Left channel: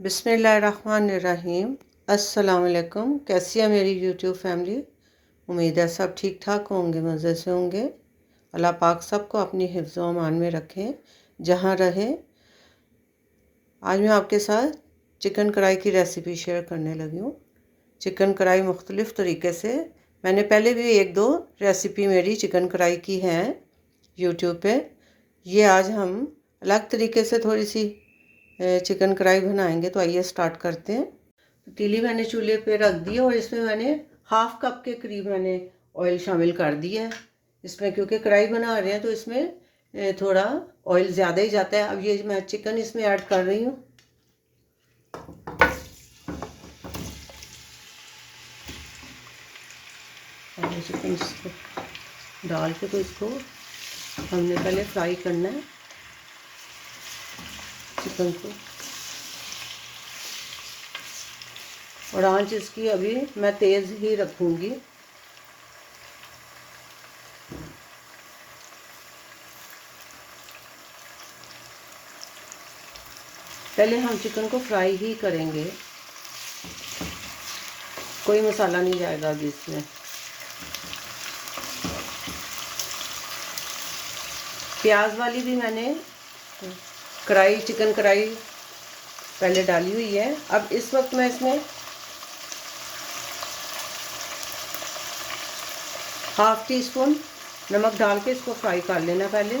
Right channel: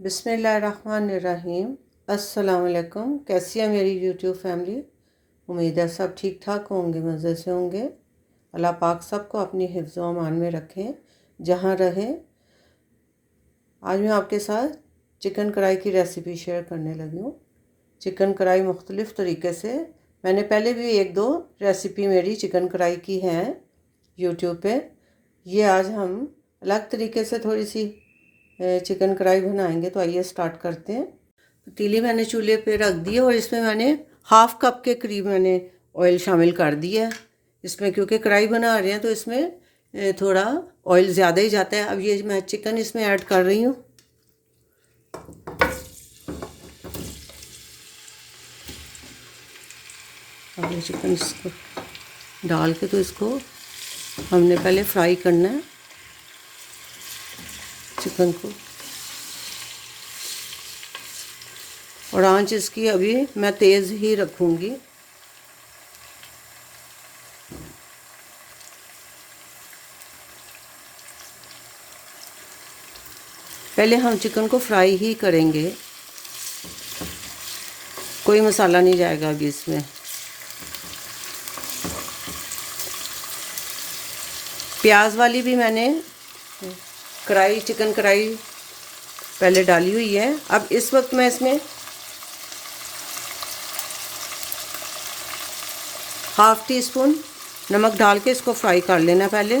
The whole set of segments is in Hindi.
बिस्मिल्लाहिर्रहमानिर्रहीम। अस्सलाम वालेकुम। कैसी है मेरी यूट्यूब फैमिली? उम्मीद है सब ठीक ठाक होंगे, मज़े से होंगे। अल्लाह पाक सबको अपनी हिफ्ज़ व अमान में रखें जहाँ रहें। आज मैं आपके साथ चिकन कढ़ाई की रेसिपी शेयर करने लगी हूँ। चिकन कढ़ाई मुख्तलिफ़ तरीके से मैंने पहले भी एक दो रेसिपी मेरी चिकन कढ़ाई की हैं यूट्यूब पे। ये आज हम अलग तरीके से थोड़ी सी चिकन कढ़ाई बनाएंगे। तो आइए स्टार्ट करते हैं। पतीली मैंने चूल्हे पे रख दी है और इसमें मैंने हाफ़ कप के करीब मैंने ऑयल शामिल कर दिया है। इसमें क्योंकि कढ़ाई बना रहे हैं तो इसमें थोड़ा ऑयल ज़्यादा ही जाता है। अब ये मैं चिकन इसमें ऐड कर रही हूँ। अब ये चिकन इसको डाल के तो इसको हमने पहले फ्राई करना है चिकन को। और आंच इसकी अभी मैं तेज़ ही रखूँगी। पहले हम चिकन को फ्राई ही करेंगे, कोई मसाला नहीं जाएगा अभी इसमें। प्याज वाली भी मैंने कढ़ाई चिकन कढ़ाई पहले डाली हुई है। अब इस वक्त मैं इसमें हाफ़ टी स्पून नमक डाल के इसको फ्राई कर लेना पहले।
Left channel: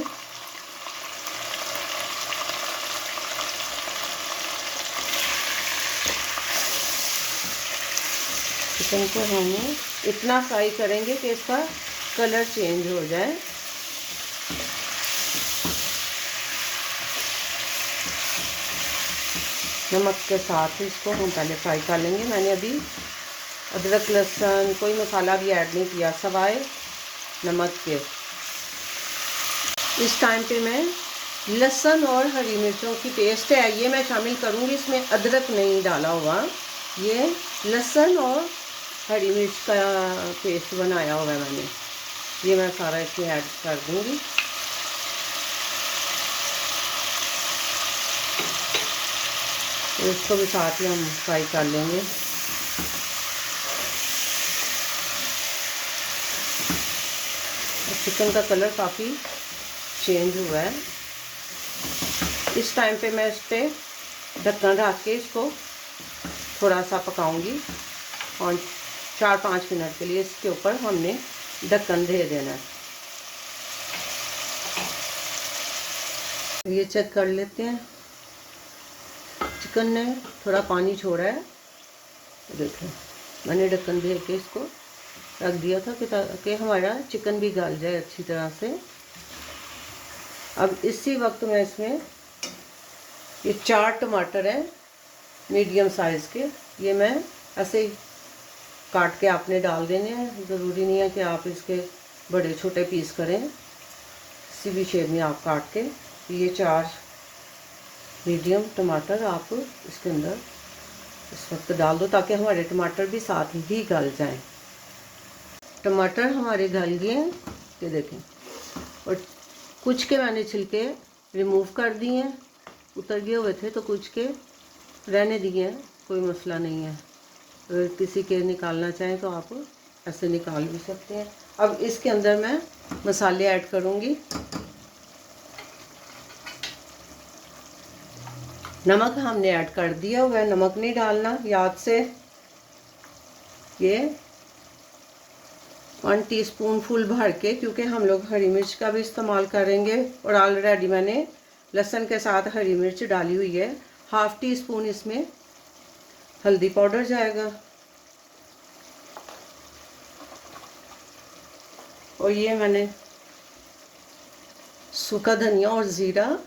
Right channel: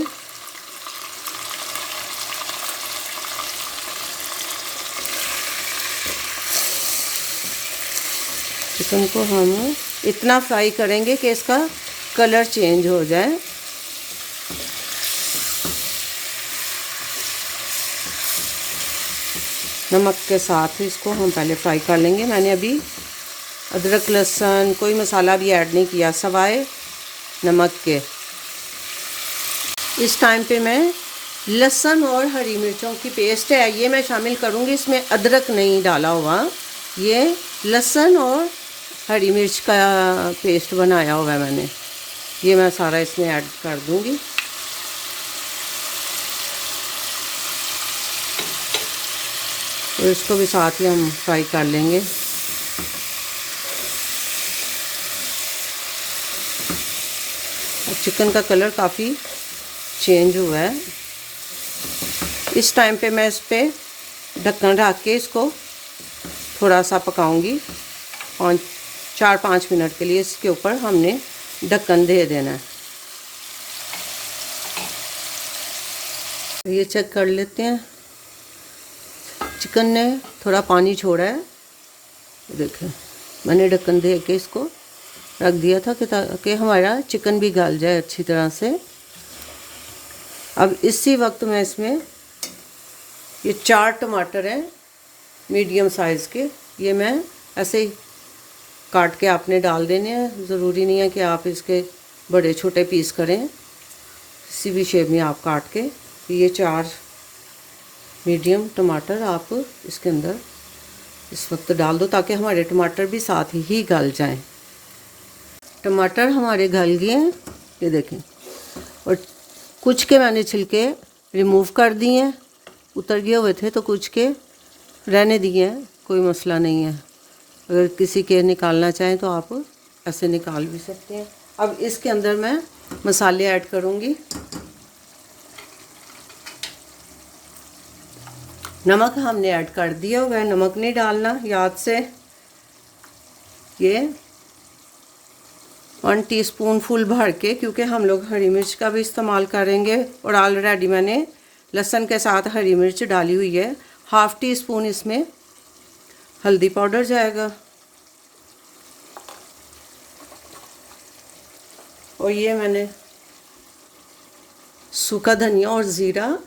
चिकन को हम इतना फ्राई करेंगे कि इसका कलर चेंज हो जाए। नमक के साथ इसको हम पहले फ्राई कर लेंगे। मैंने अभी अदरक लहसुन कोई मसाला भी ऐड नहीं किया सवाए नमक के। इस टाइम पे मैं लहसुन और हरी मिर्चों की पेस्ट है ये मैं शामिल करूँगी। इसमें अदरक नहीं डाला हुआ, ये लहसुन और हरी मिर्च का पेस्ट बनाया हुआ है मैंने। ये मैं सारा इसमें ऐड कर दूँगी। तो इसको भी साथ में हम फ्राई कर लेंगे। चिकन का कलर काफ़ी चेंज हुआ है। इस टाइम पे मैं इस पर ढक्कन रख के इसको थोड़ा सा पकाऊंगी। 4-5 मिनट के लिए इसके ऊपर हमने ढक्कन दे देना है। ये चेक कर लेते हैं, चिकन ने थोड़ा पानी छोड़ा है। देखें मैंने ढक्कन दे के इसको रख दिया था कि ताकि हमारा चिकन भी गल जाए अच्छी तरह से। अब इसी वक्त मैं इसमें ये 4 टमाटर हैं मीडियम साइज़ के, ये मैं ऐसे ही काट के आपने डाल देने हैं। ज़रूरी नहीं है कि आप इसके बड़े छोटे पीस करें, किसी भी शेप में आप काट के। ये 4 मीडियम टमाटर आप इसके अंदर इस वक्त डाल दो ताकि हमारे टमाटर भी साथ ही गल जाएं। टमाटर हमारे गल गए हैं, ये देखें। और कुछ के मैंने छिलके रिमूव कर दिए हैं, उतर गए हुए थे तो कुछ के रहने दिए हैं, कोई मसला नहीं है। अगर किसी के निकालना चाहें तो आप ऐसे निकाल भी सकते हैं। अब इसके अंदर मैं मसाले ऐड करूँगी। नमक हमने ऐड कर दिया हुआ है, नमक नहीं डालना याद से। ये 1 टीस्पून फुल भर के, क्योंकि हम लोग हरी मिर्च का भी इस्तेमाल करेंगे और ऑलरेडी मैंने लहसुन के साथ हरी मिर्च डाली हुई है। हाफ़ टी स्पून इसमें हल्दी पाउडर जाएगा। और ये मैंने सूखा धनिया और ज़ीरा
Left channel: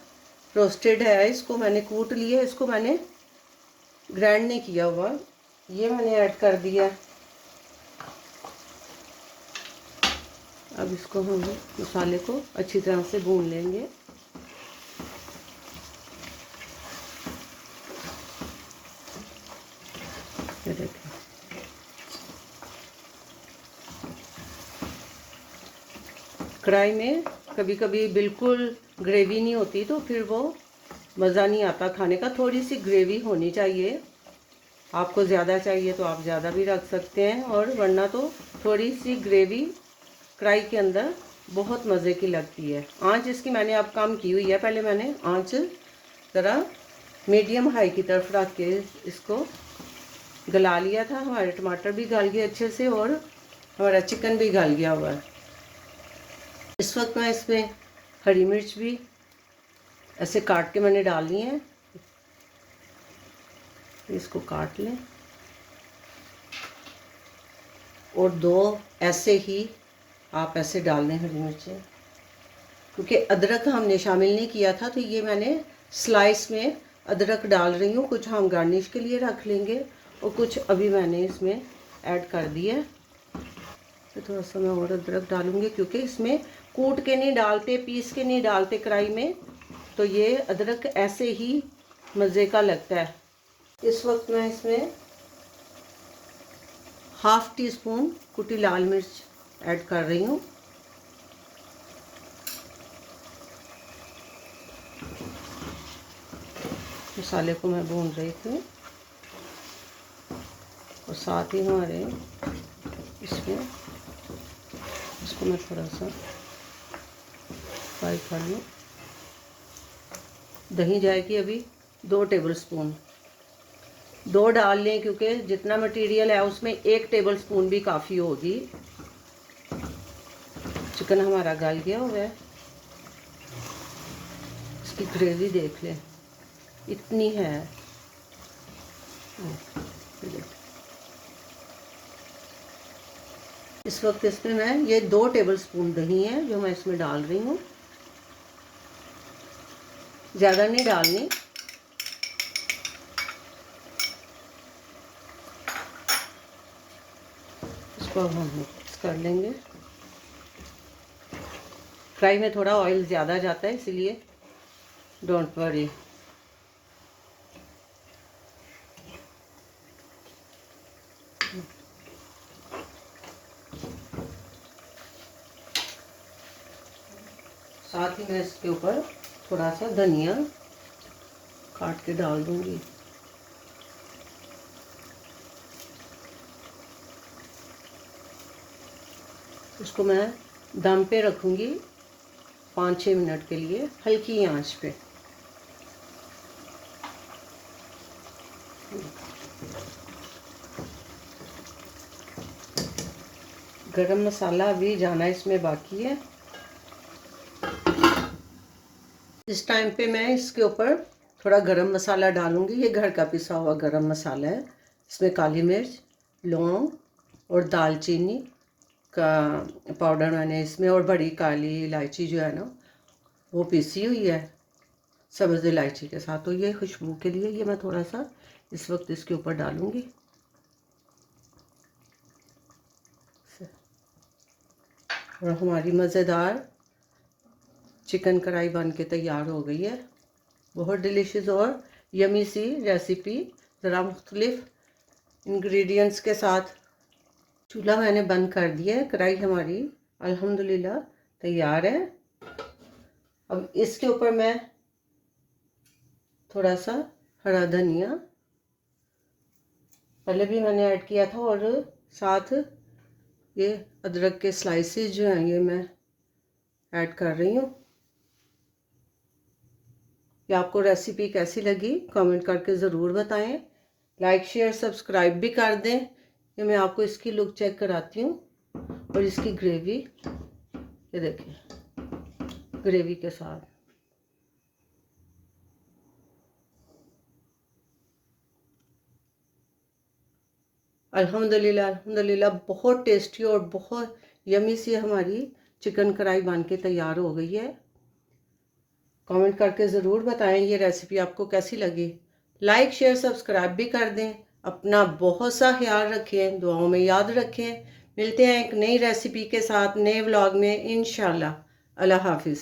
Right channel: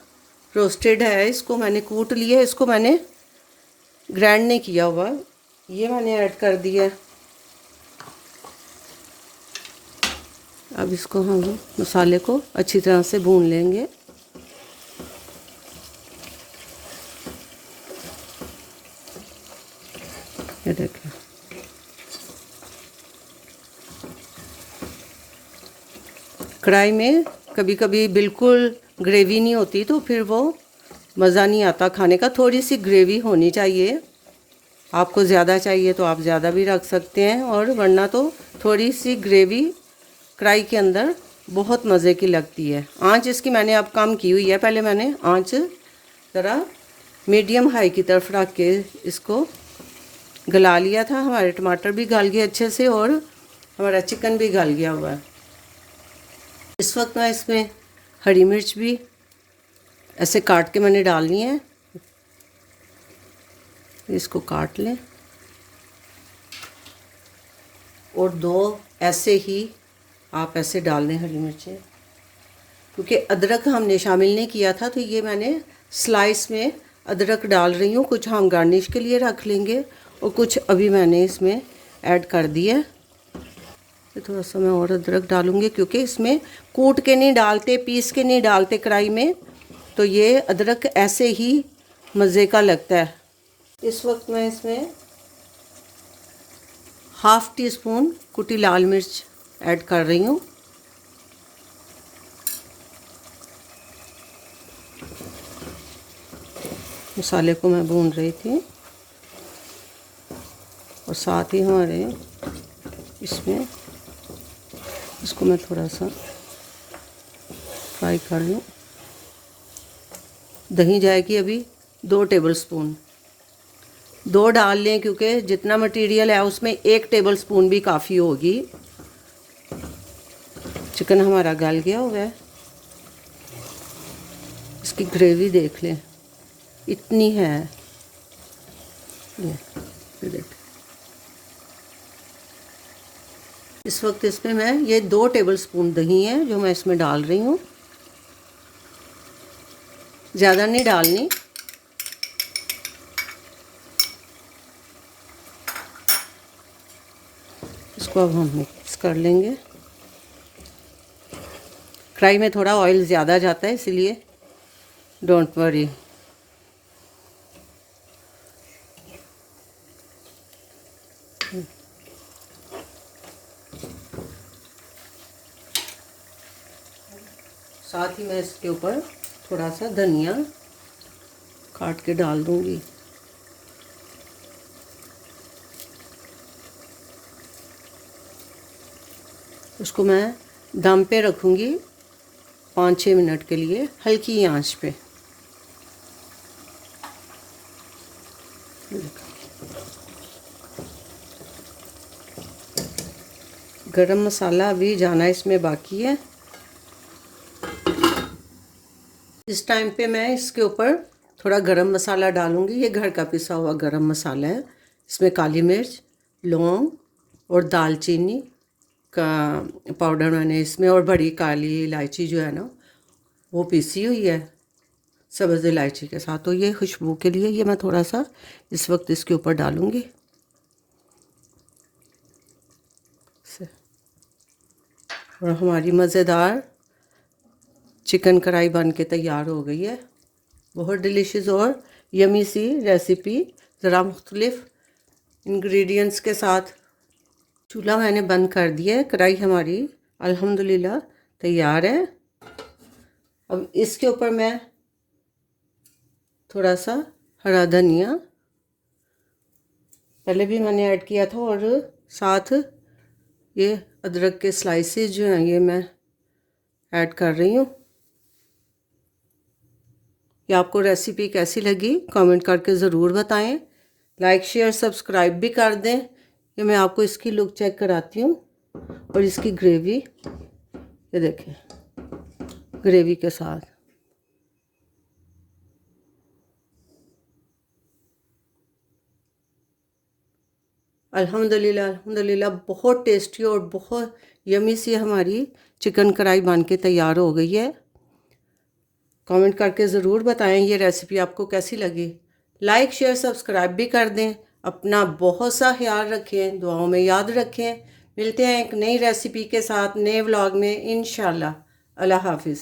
रोस्टेड है, इसको मैंने कूट लिया, इसको मैंने ग्राइंड नहीं किया हुआ, ये मैंने ऐड कर दिया। अब इसको हम मसाले को अच्छी तरह से भून लेंगे। ये देखें कढ़ाई में कभी कभी बिल्कुल ग्रेवी नहीं होती तो फिर वो मज़ा नहीं आता खाने का। थोड़ी सी ग्रेवी होनी चाहिए, आपको ज़्यादा चाहिए तो आप ज़्यादा भी रख सकते हैं, और वरना तो थोड़ी सी ग्रेवी कढ़ाई के अंदर बहुत मज़े की लगती है। आंच इसकी मैंने अब कम की हुई है, पहले मैंने आंच ज़रा मीडियम हाई की तरफ रख के इसको गला लिया था। हमारे टमाटर भी गल गए अच्छे से और हमारा चिकन भी गल गया हुआ है। इस वक्त मैं इसमें हरी मिर्च भी ऐसे काट के मैंने डालनी है, इसको काट लें। और 2 ऐसे ही आप ऐसे डाल दें हरी मिर्चें, क्योंकि अदरक हमने शामिल नहीं किया था, तो ये मैंने स्लाइस में अदरक डाल रही हूँ। कुछ हम गार्निश के लिए रख लेंगे और कुछ अभी मैंने इसमें ऐड कर दिया। तो थोड़ा सा मैं और अदरक डालूँगी, क्योंकि इसमें कूट के नहीं डालते, पीस के नहीं डालते कढ़ाई में, तो ये अदरक ऐसे ही मज़े का लगता है। इस वक्त मैं इसमें हाफ़ टी स्पून कुटी लाल मिर्च ऐड कर रही हूँ। मसाले को मैं भून रही थी और साथ ही हमारे इसमें इसको मैं थोड़ा सा फ्राई कर लूँ। दही जाएगी अभी 2 टेबलस्पून, 2 डाल लें, क्योंकि जितना मटेरियल है उसमें 1 टेबलस्पून भी काफ़ी होगी। चिकन हमारा गल गया हुआ है। इसकी ग्रेवी देख लें, इतनी है। देख, इस वक्त इसमें मैं ये 2 टेबलस्पून दही है जो मैं इसमें डाल रही हूँ, ज़्यादा नहीं डालनी। इसको अब हम मिक्स कर लेंगे। कढ़ाई में थोड़ा ऑयल ज़्यादा जाता है, इसलिए डोंट वरी। साथ ही मैं इसके ऊपर थोड़ा सा धनिया काट के डाल दूंगी। उसको मैं दम पे रखूंगी 5-6 मिनट के लिए, हल्की आंच पे। गरम मसाला अभी जाना इसमें बाकी है। इस टाइम पे मैं इसके ऊपर थोड़ा गरम मसाला डालूंगी। ये घर का पिसा हुआ गरम मसाला है। इसमें काली मिर्च, लौंग और दालचीनी का पाउडर मैंने इसमें, और बड़ी काली इलायची जो है ना वो पीसी हुई है सब्ज़ इलायची के साथ। तो ये खुशबू के लिए ये मैं थोड़ा सा इस वक्त इसके ऊपर डालूंगी। और हमारी मज़ेदार चिकन कढ़ाई बन के तैयार हो गई है। बहुत डिलीशियस और यमी सी रेसिपी, ज़रा मुख्तलिफ इंग्रेडिएंट्स के साथ। चूल्हा मैंने बंद कर दिया है। कढ़ाई हमारी अल्हम्दुलिल्लाह तैयार है। अब इसके ऊपर मैं थोड़ा सा हरा धनिया पहले भी मैंने ऐड किया था, और साथ ये अदरक के स्लाइसेस जो हैं ये मैं ऐड कर रही हूँ। कि आपको रेसिपी कैसी लगी कमेंट करके ज़रूर बताएं। लाइक शेयर सब्सक्राइब भी कर दें। कि मैं आपको इसकी लुक चेक कराती हूँ। और इसकी ग्रेवी ये देखें, ग्रेवी के साथ अल्हम्दुलिल्लाह अल्हम्दुलिल्लाह बहुत टेस्टी और बहुत यमी सी हमारी चिकन कढ़ाई बन के तैयार हो गई है। कमेंट करके ज़रूर बताएं ये रेसिपी आपको कैसी लगी। लाइक शेयर सब्सक्राइब भी कर दें। अपना बहुत सा ख्याल रखें, दुआओं में याद रखें। मिलते हैं एक नई रेसिपी के साथ नए व्लॉग में इंशाल्लाह। अल्लाह हाफिज़।